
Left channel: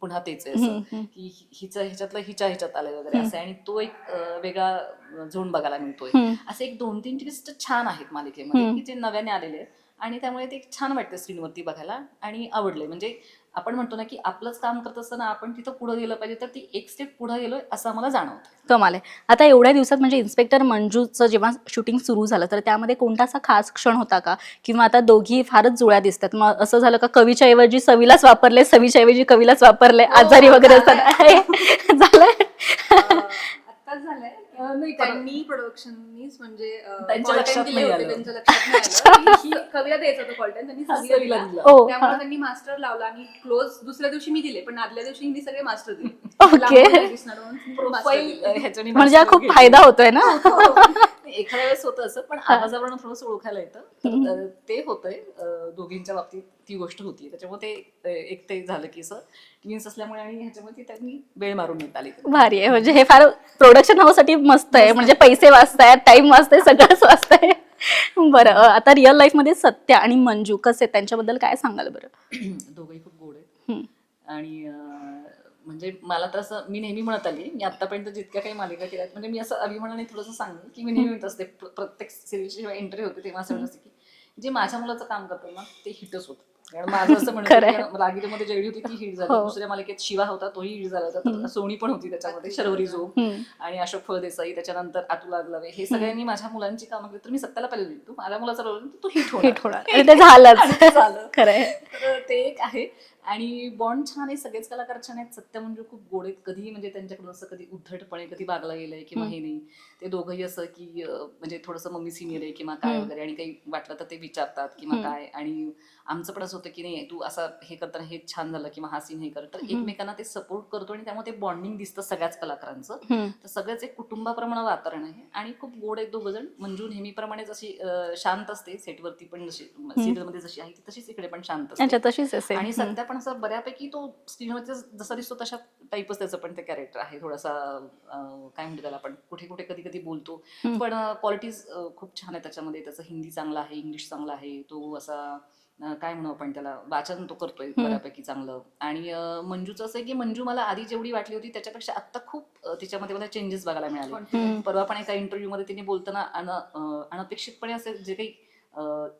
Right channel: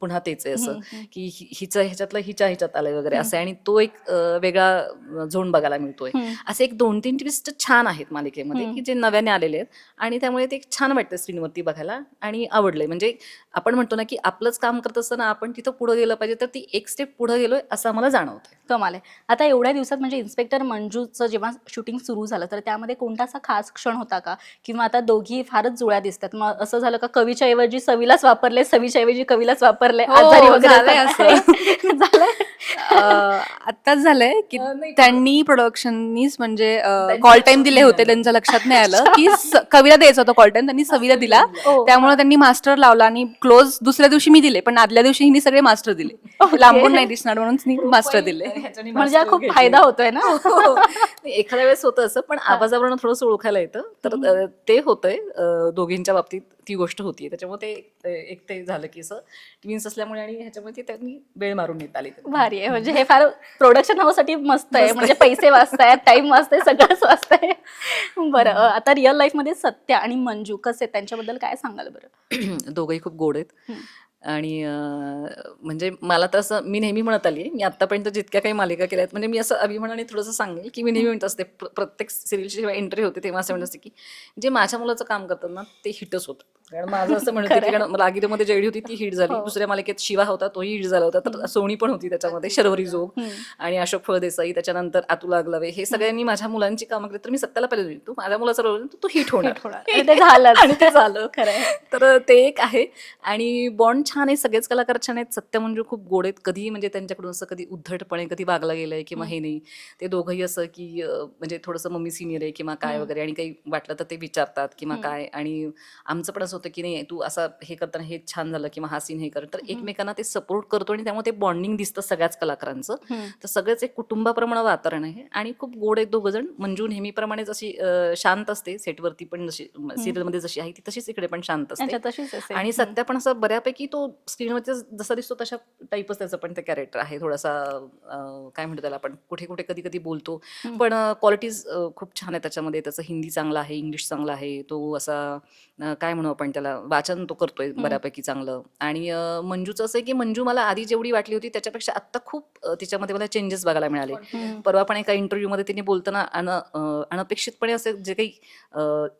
पुन्हा तेच आहे असं. की हिचं ह्याच्यातलं हिच्या ह्याच्यात आलंय वगैरे. असं आणि तो एक वेगळा झोन बघायला मिळतोय. असे एक दोन तीन ट्विस्ट छान आहेत मालिकेमध्ये. की जे नव्याने आलेले आहेत. आणि त्यामुळे ते छान वाटतं स्क्रीनवरती बघायला आणि आवडलंय. म्हणजे आपण म्हणतो ना की आपलंच काम करत असताना आपण तिथं पुढे गेलं पाहिजे तर ती एक स्टेप पुढे गेलोय असं आम्हाला जाणवतं. कमाल आहे. आता एवढ्या दिवसात म्हणजे इन्स्पेक्टर मंजूचं जेव्हा शूटिंग सुरू झालं तर त्यामध्ये कोणता असा खास क्षण होता का? किंवा आता दोघी फारच जुळ्या दिसतात. मग असं झालं का कवीच्या ऐवजी सवीलाच वापरले सवीच्या ऐवजी कवीलाच वापरले हो, आजारी वगैरे झालं आत्ताच झालंय की त्यांनी प्रोडक्शननीच म्हणजे कॉल टाइम दिले होते. त्यांच्या लक्षात नाही आलं. की कविला द्यायचा होता कॉल टाइम त्यांनी सवीला दिला. ओ, त्यामुळे त्यांनी मास्टर लावला आणि क्लोज दुसऱ्या दिवशी मी दिले पण आदल्या दिवशी हिनी सगळे मास्टर दिले. Okay. लांबून नाही दिसणार म्हणून मास्टर दिले. ह्याच्याने म्हणजे हा खूप. फायदा होतोय ना? हो. एखाद्या वेळेस होतं असं पण आवाजावरून थोडंसं ओळखायला येतं. तर ते होतंय दोघींच्या बाबतीत. ती गोष्ट होती. त्याच्यामुळे ते एक ते झालं की असं. ट्विन्स असल्यामुळे आणि ह्याच्यामुळे ती त्यांनी वेळ मारून घेत आली भारी आहे. म्हणजे हे फार प्रोडक्शन हाऊससाठी मस्त आहे. म्हणजे पैसे वाचतायत टाइम वाचतंय सगळंच वाचतंय. बरं आता रिअल लाईफमध्ये सत्य आणि मंजू कसे आहेत? त्यांच्याबद्दल काय सांगाल बरं? दोघंही खूप गोड आहेत. आणि म्हणजे मला तर असं मी नेहमी म्हणत आली मी आतापर्यंत जितक्या काही मालिका केल्या आहेत म्हणजे मी असं अभिमानाने थोडंसं सांगेल की मी नेहमी म्हणत असते प्र- प्रत्येक सिरियलची जेव्हा एंट्री होते तेव्हा असं म्हणत असते की जे माझ्या मुलाचं काम करतात ना ते हिटच होतं. कारण माझं असं म्हणत रागिरीमध्ये जेडी होती ती हिट झाली. हो. दुसऱ्या मालिकेत शिवा होता तोही हिट झाला होता. तर सोनी पण होती त्याच्यामध्ये शर्वरी जोग. आणि अशोक फळदेसाई त्याच्यानंतर अतुल आगलावे हे सगळ्यांनी माझ्या मुलांची कामं केली. तर मी सत्याला पहिले तू माझ्या मुलाचा रोल तू हिट होणार. झालं. तर ते एक आहे. आणि बॉन्ड छान आहे सगळेच कलाकार छान आहेत. सत्य म्हणजे खूप गोड आहेत. कधी म्हणजे त्यांच्याकडून असं कधी उद्धटपणे कधी वागला गेलंय किंवा हे नाही. ते दोघंही असं की म्हणजे थोडंसं मम्मी सिनियर आहे किंवा काय. वगैरे आणि काही वाटलं तर ते विचारतात किंवा. काय. आणि आमचं पण असं होतं की नाही तू असं हे करताना हे छान झालं किंवा हा सीन हे कर तर. एकमेकांना ते सपोर्ट करतो आणि त्यामुळे ते बॉन्डिंग दिसतं सगळ्याच कलाकारांचं. तर सगळंच एक कुटुंबाप्रमाणे वातावरण आहे आणि खूप गोड आहेत दोघ जण मंजू नेहमीप्रमाणे जशी शांत असते सेटवरती पण जशी सिरियलमध्ये जशी आहे ती तशीच इकडे पण शांत असते. तशीच आणि. सध्या पण असं बऱ्यापैकी तो स्क्रीनवरती जसा दिसतो तशा टाईपच त्याचं पण ते कॅरेक्टर आहे. थोडासा काय म्हणतो त्याला आपण कुठे कुठे कधी कधी बोलतो. पण क्वालिटीज खूप छान आहे त्याच्यामध्ये. त्याचं हिंदी चांगलं आहे इंग्लिश चांगलं आहे. तो असा अं, काय म्हणू आपण त्याला? वाचन तो करतोय बऱ्यापैकी चांगलं. आणि अं, मंजूचं असं आहे की मंजू मला आधी जेवढी वाटली होती त्याच्यापेक्षा आत्ता खूप अं, तिच्यामध्ये मला चेंजेस बघायला मिळाले. हम्म. परवा पण एका इंटरव्ह्यू मध्ये तिने बोलताना अन अं, अनपेक्षितपणे असे जे काही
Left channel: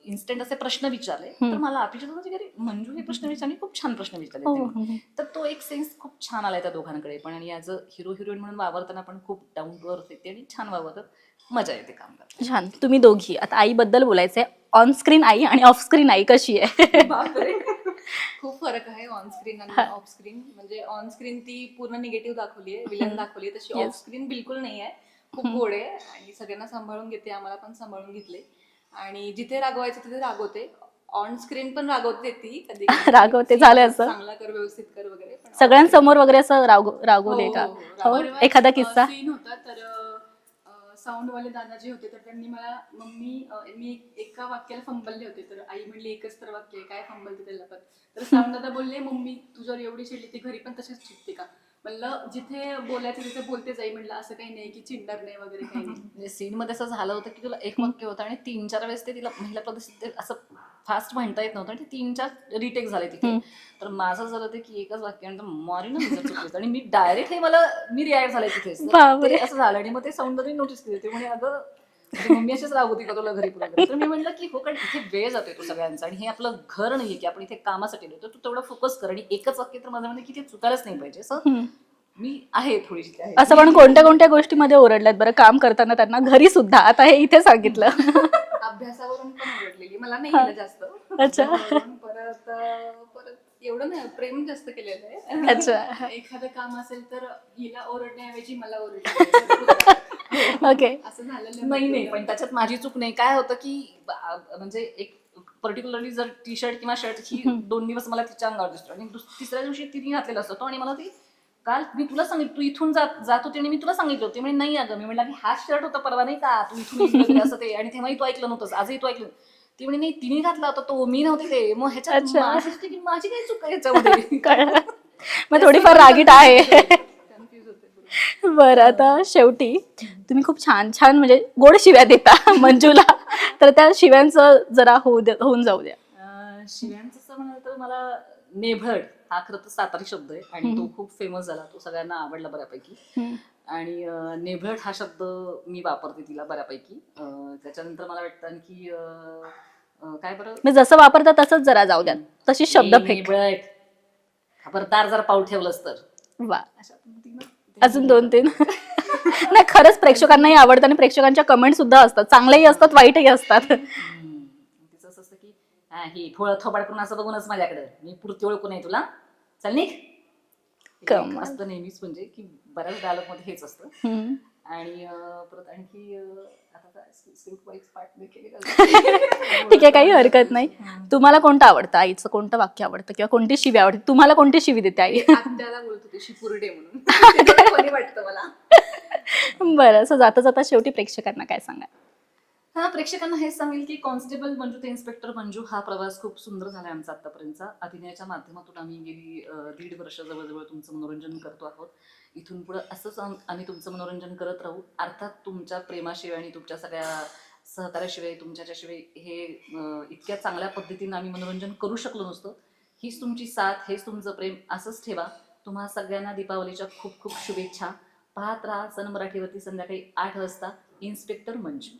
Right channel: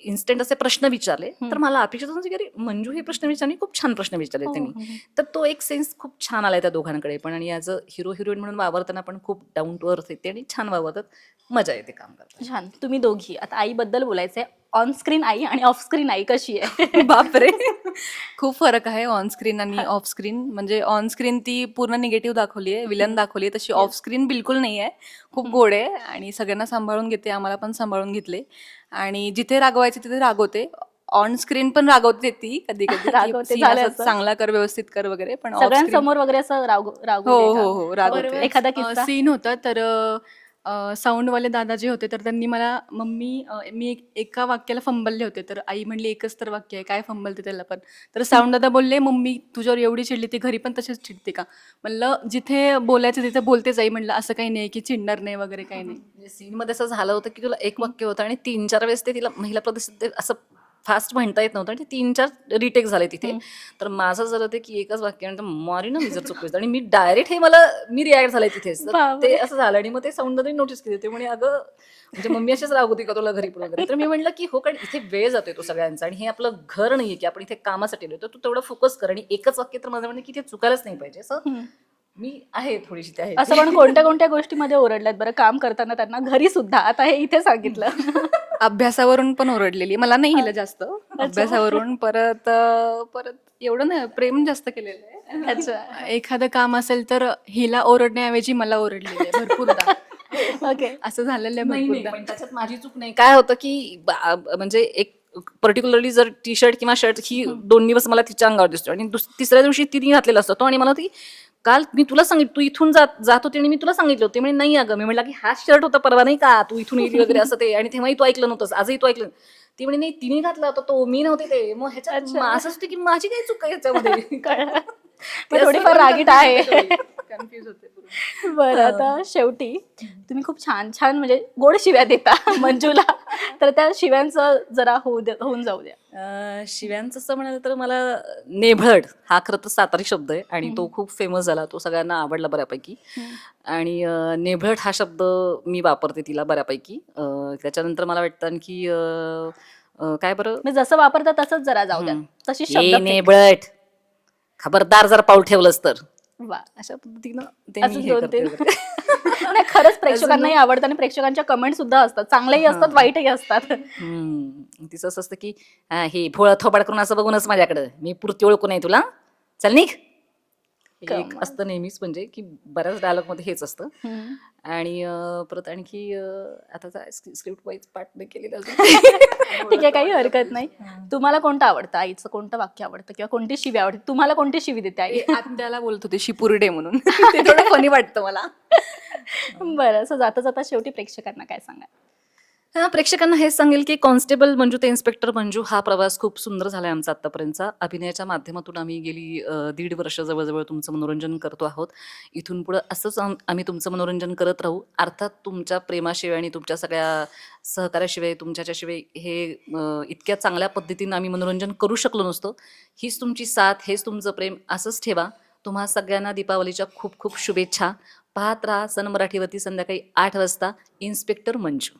इन्स्टंट असे प्रश्न विचारले तर हम्म. मला अपेक्षित होतं की अरे मंजू हे प्रश्न विचारले खूप छान प्रश्न विचारले हो, त्यांनी हम्म. तर तो एक सेन्स खूप छान आलाय त्या दोघांकडे. पण आणि ॲज अ हिरो हिरोईन म्हणून वावरताना पण खूप डाऊन टू अर्थ येते आणि छान वावरतात. मजा येते काम करताना. छान. तुम्ही दोघी. आता आईबद्दल बोलायचंय. ऑन स्क्रीन आई आणि ऑफ स्क्रीन आई कशी आहे? बापरे. खूप फरक आहे ऑन स्क्रीन आणि ऑफ स्क्रीन म्हणजे ऑन स्क्रीन ती पूर्ण निगेटिव्ह दाखवली आहे. विलन दाखवली आहे. तशी ऑफ स्क्रीन बिलकुल नाही आहे. खूप गोड आहे आणि सगळ्यांना सांभाळून घेते. आम्हाला पण सांभाळून घेतले. आणि जिथे रागवायचे तिथे रागवते. ऑन स्क्रीन पण रागवते ती कधी रागवते, "See, झालं असं असं?" चांगला कर व्यवस्थित कर वगैरे पण सगळ्यांसमोर वगैरे असं रागू रागू हो, हो. हो? एखादा किस्सा? सीन होता तर साऊंडवाले दादा जे होते तर त्यांनी मला मम्मी अ, मी एक- एका वाक्याला फंबलले होते. तर आई म्हणली एकच तर वाक्य आहे काय फंबलते त्याला पण? तर साऊंड दादा बोलले मम्मी तुझ्यावर एवढी चिडली ती घरी पण तशीच चिडते का? म्हणलं जिथे बोलायचं तिथे बोलतेच आई. म्हणलं असं काही नाही की चिडणार नाही वगैरे काही नाही. म्हणजे सीनमध्ये असं झालं होतं की तुला एक वाक्य होतं आणि तीन चार वेळेस ते तिला महिला प्रदर्शित ते असं फास्ट म्हणता येत नव्हतं आणि तीन चार रिटेक झाले तिथे. तर माझं जर होतं की एकच वाक्य आणि मारी ना जर चुकलं आणि मी डायरेक्ट हे मला मी रिॲक्ट झाले तिथेच तर. ते असं झालं आणि मग ते साऊंड नोटीस केले ते म्हणे अगं म्हणजे मम्मी अशीच रागवती का तुला घरी पुढे तर मी म्हटलं की हो कारण इथे वेळ जातोय तो सगळ्यांचा आणि हे आपलं घर नाहीये की आपण इथे कामासाठी येतो तू तेवढं फोकस कर आणि एकच वाक्य तर माझं म्हणणं की ते चुकायलाच नाही पाहिजे असं. मी आहे थोडीशी ते आहे असं पण कोणत्या कोणत्या गोष्टीमध्ये ओरडल्यात बरं? काम करताना त्यांना घरी सुद्धा. आता हे इथे सांगितलं. अभ्यासावरून पण ओरडलेली. मला नाही केलं जास्त. अभ्यासावरून परत अं, परत एवढं नाही प्रेम जास्त केलेलं आहे. अच्छा. एखादं काम असेल तर हिला ओरडण्याऐवजी मला ओरडले. ओके असं झालेलं आहे नाही नाही. भरपूरदा. पण त्याच्यात माझी चूक नाही. काय होतं की बा- म्हणजे एक पर्टिक्युलरली जर टी शर्ट किंवा शर्ट ही दोन दिवस मला तिच्या अंगावर दिसतो आणि दुस- तिसऱ्या दिवशी तिने घातलेला असतो. तो आणि मला ती काल मी तुला सांगितलं तू इथून जात जात होती आणि मी तुला सांगितलं होते. म्हणजे नाही अगं. मी म्हटलं की हा शर्ट होता परवा नाही का? तू इथून येते वगैरे असं ते. आणि तेव्हाही तू ऐकलं नव्हतंस आजही तू ऐकलं. ती म्हणे नाही तिने घातला होता तो मी नव्हते ते. मग ह्याच्यात अच्छा. असं असतं की माझी काही चूक आहे ह्याच्यामध्ये? कळलं. मग थोडीफार रागीट आहे. बरं आता शेवटी तुम्ही खूप छान छान म्हणजे गोड शिव्या देता मंजूला. तर त्या शिव्यांचं जरा होऊ दे होऊन जाऊ द्या. शिव्यांचं असं म्हणाल तर मला नेभळ हा खरं तर सातारी शब्द आहे आणि तो खूप फेमस झाला. तो सगळ्यांना आवडला बऱ्यापैकी. आणि नेभळट हा शब्द मी वापरते तिला बऱ्यापैकी. त्याच्यानंतर मला वाटतं आणखी काय बरं? म्हणजे जसं वापरता तसंच जरा जाऊ द्या. तशी शब्द. नेभळट खबरदार जर पाऊल ठेवलंस तर. वा अशा पद्धतीनं अजून दोन तीन. नाही खरंच प्रेक्षकांनाही आवडतं आणि प्रेक्षकांच्या कमेंट सुद्धा असतात. चांगलेही असतात वाईटही असतात. तिचं असं असतं की हा, भोळ थोबाड करून असं बघूनच माझ्याकडं. मी पुरती ओळखू नाही तुला. चल निघ. कमाल. असतं नेहमीच म्हणजे की बऱ्याच डायलॉगमध्ये हेच असतं. आणि परत आणखी आता स्क्रिप्ट वाईज पार्ट नाही केलेलं ठीक आहे काही हरकत नाही. तुम्हाला कोणतं आवडतं? आईचं कोणतं वाक्य आवडतं? किंवा कोणती शिवी आवडते? तुम्हाला कोणती शिवी देते आई? आत्याला बोलत होते शिपुर्डे म्हणून. funny वाटतं मला. बरं असं जाता जाता शेवटी प्रेक्षकांना काय सांगा हा प्रेक्षकांना हेच सांगेल की कॉन्स्टेबल मंजू ते इन्स्पेक्टर मंजू हा प्रवास खूप सुंदर झाला आहे आमचा आत्तापर्यंतचा. अभिनयाच्या माध्यमातून आम्ही गेली अ, दीड वर्ष जवळजवळ तुमचं मनोरंजन करतो आहोत. इथून पुढं असंच आम- आम्ही तुमचं मनोरंजन करत राहू. अर्थात तुमच्या प्रेमाशिवाय आणि तुमच्या सगळ्या सहकार्याशिवाय तुमच्याच्याशिवाय हे अ, इतक्या चांगल्या पद्धतीनं आम्ही मनोरंजन करू शकलो नसतो. हीच तुमची साथ हेच तुमचं प्रेम असंच ठेवा. तुम्हा सगळ्यांना दीपावलीच्या खूप खूप शुभेच्छा. पाहत राहा सन मराठीवरती संध्याकाळी आठ वाजता इन्स्पेक्टर मंजू.